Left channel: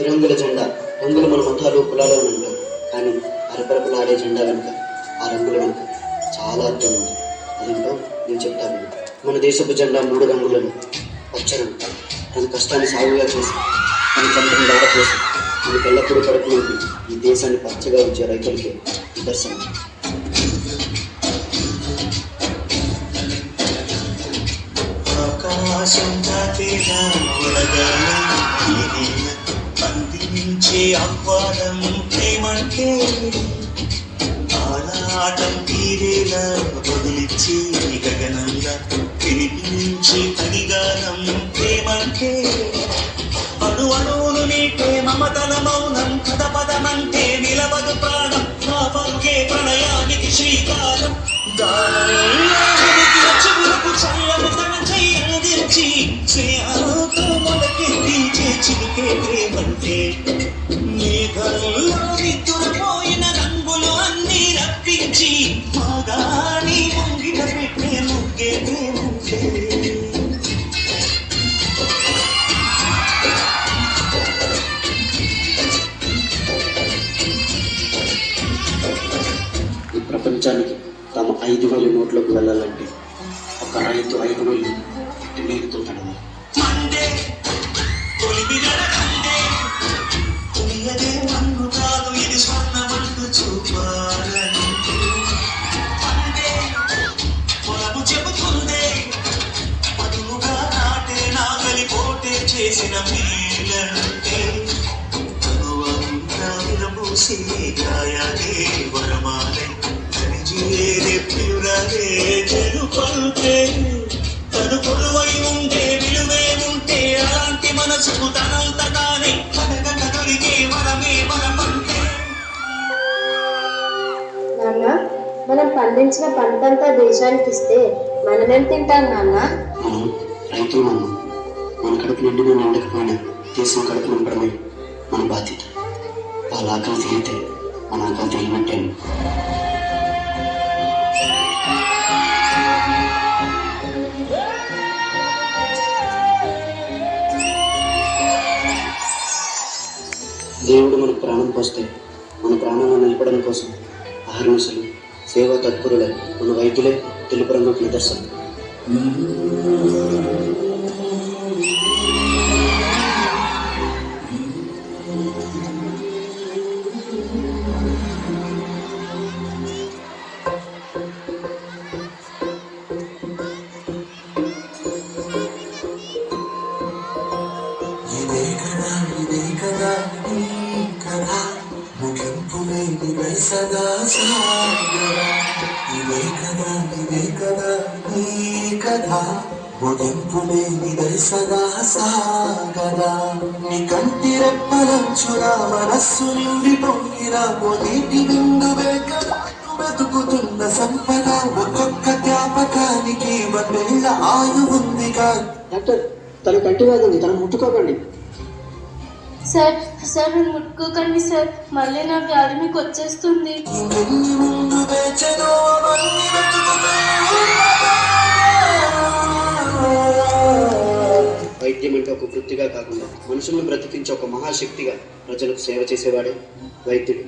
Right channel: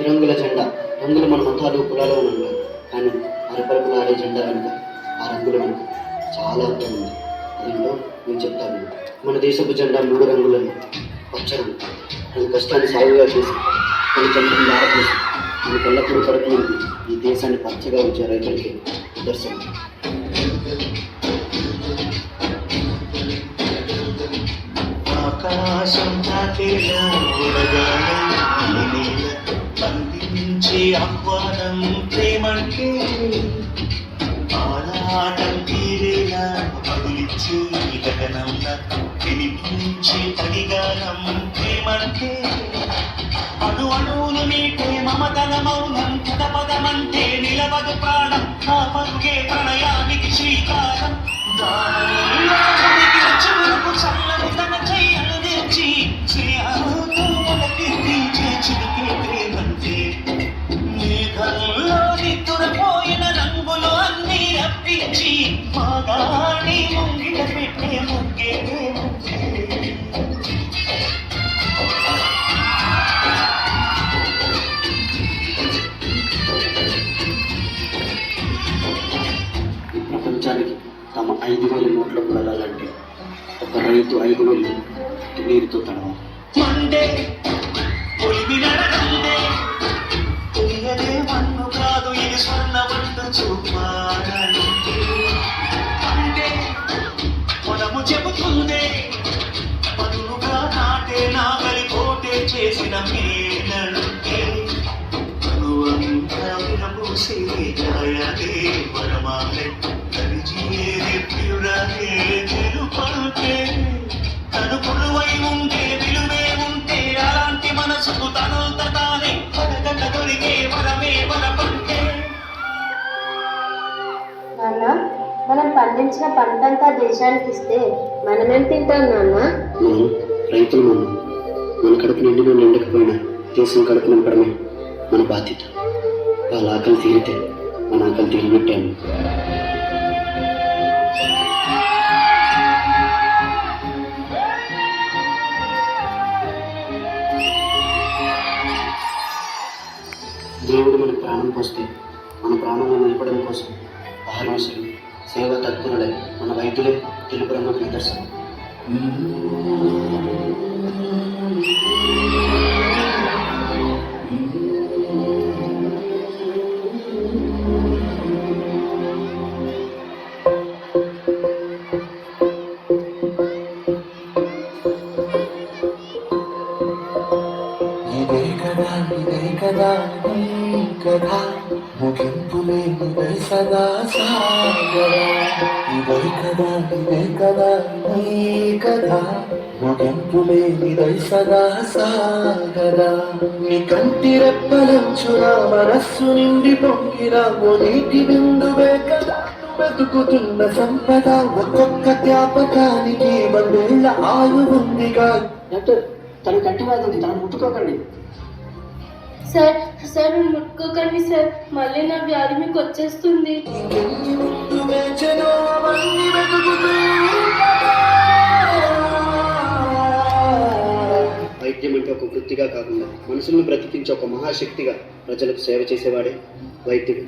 తిరంగుల జెండా. రంగులు మన మతాలు కులాలు అని అంటారు, కానీ అరపరపులాడే జెండా వెనుక, ఆ రంగుల వెనుక చాలా అర్థం ఉంది. అదేంటో నేను చెప్తాను. మన దేశపు జెండా 3 రంగులను. పచ్చ రంగు తన కష్టాన్ని సాగుగా చేసి, తన చంద్రుని దారపోసి, మనకు ఎల్లప్పుడూ కడుపు నుండి ఈ దేశాన్ని పచ్చగా ఉంచే రైతులకి నిదర్శనం. ఆకాశం దాటేలా అందించే ఆహ్వానం ప్రేమంటే, ఆరాటం తీరేలా బదులిచ్చి గగనంగా వినిపించి అడిగానం ప్రేమంటే, అణు అణువును నీటే మమతల మౌనం, పద పదమంటే నిలవదు ప్రాణం, ఆ పరుగే ప్రణయానికి శ్రీకారం. చెవులకు చల్లను తన చెయ్యి అందించి స్నేహంతో మొలకెత్తి చిలికే ప్రేమంటే, మేఘంలో నిద్రపోయిన రంగులు అన్నీ రప్పించి మాగాని ముంగిట పెట్టే ముగ్గే ప్రేమంటే. ఈ ప్రపంచానికి తమ 5,000 నోట్లకు వెళ్ళాలంటే ఒక రైతు 5,000 నీరుతో తడవాలి. మండే పొలిమి నడకండే, తెలియదే మన్ను కాదు ఇది స్వర్ణమంటూ చూపాలంటే, అంటే పొలము చెబుతుందే పదులుగా నాటే నాగలి పోటే చేసిన మేలంటే, అనువంతా విరబూసే గాయాలే వరమాలే కలిజేరే ప్రియురాలే తెలుపంటే, తను కొలువై ఉంటే విలువే ఉంటే అలాంటి మనసుకు తనంత తానే పదగన దొరికే వరమే వరమంటే. నాన్న, మనం పండించిన పంటంతా దేశానికి ఇస్తే మనమేం తింటాం నాన్న? మనం రైతులు. మన కడుపు నిండినా నిండకపోయినా దేశం కడుపు నింపడమే మన బాధ్యత. వాళ్ళ ఆకలి తీరితే మన ఆకలి తీరినట్టాను. దేవుడు మన ప్రాణం పోస్తే మన ప్రాణాలను నిలపడం కోసం అహర్నిశలు సేవా తత్పరులే మన వైద్యులే తెలుపు రంగుకు నిదర్శనం. ఇదే కదా నీ కథ, ముగింపు లేనిదై సదా సాగరా. ఇదే కదా నీ కథ, ముగింపు లేనిదై సదా సాగరా. నీ కంటి రెప్పలంచున మనస్సు నిండి పొంగిన ఓ నీటి బిందువే కదా వెతుకుతున్న సంపద. ఒక్కొక్క జ్ఞాపకానికి 1,000 ఆయువు ఉందిగా. డాక్టర్, తన కంటి వ్యాధి ఉంది, తన ముట్టుకోకండి. సార్ సార్ మీరు ముట్టుకోకండి సార్, మళ్ళీ నా వ్యాధి మీకు వచ్చేస్తుంది. వైద్యం అంటే ఒక వృత్తిగా కాకుండా మనుషులను బ్రతికించే ఒక మహాశక్తిగా ప్రజలకు సేవ చేసేవాడే వైద్యుడు.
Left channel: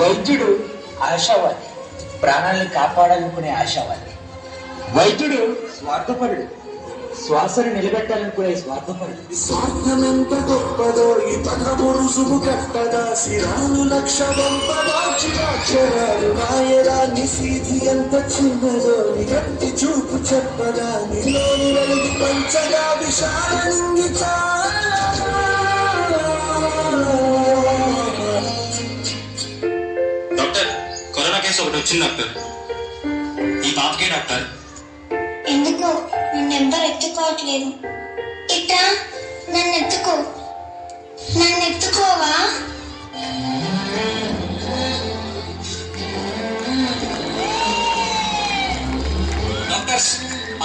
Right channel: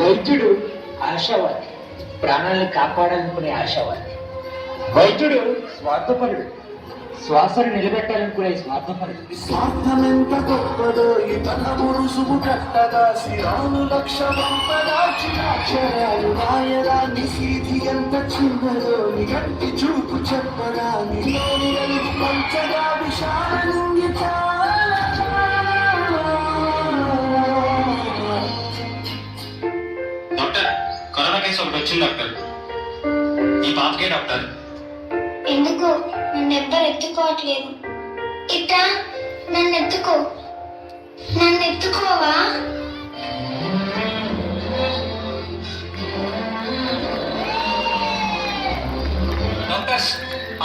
వైద్యుడు ఆశావాది, ప్రాణాలను కాపాడాలనుకునే ఆశావాది. వైద్యుడు స్వార్థపరుడు, శ్వాసను నిలబెట్టాలనుకునే స్వార్థపరుడు. స్వార్థమెంత గొప్పదో ఈ పదము రుసుము కట్టదా, శిరాలు లక్ష అక్షరాలు రాయరా, నిశీధి ఎంత చిన్నదో గట్టి చూపు చెప్పదా, నీలోని వెలుగు పంచగా విశాలంగి డాక్టర్, కరోనా కేసు ఒకటి వచ్చింది డాక్టర్. ఈ పాపకే డాక్టర్. ఎందుకో నన్ను ఎవ్వరు ఎత్తుకోవట్లేదు. ఇట్రా, నన్ను ఎత్తుకో. నన్ను ఎత్తుకోవా?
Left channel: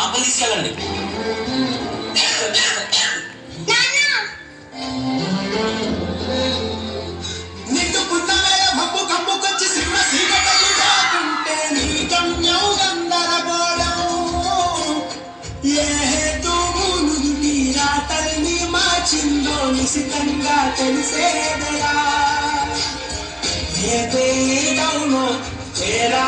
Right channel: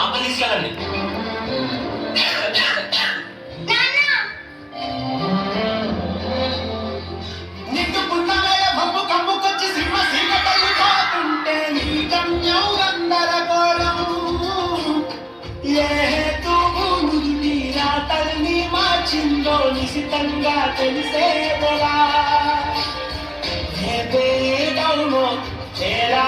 లోపల తీసుకెళ్ళండి. నిట్టుకున్న వేళ భమ్ము కమ్ముకొచ్చి సింహ సీగ తల్లిపోతుంటే నీ గమ్యం గందరగోళం. ఏ హేతువు నుదుటి రాతల్ని మార్చిందో నిశితంగా తెలిసేదరా. ఏ పేదవునో చేరా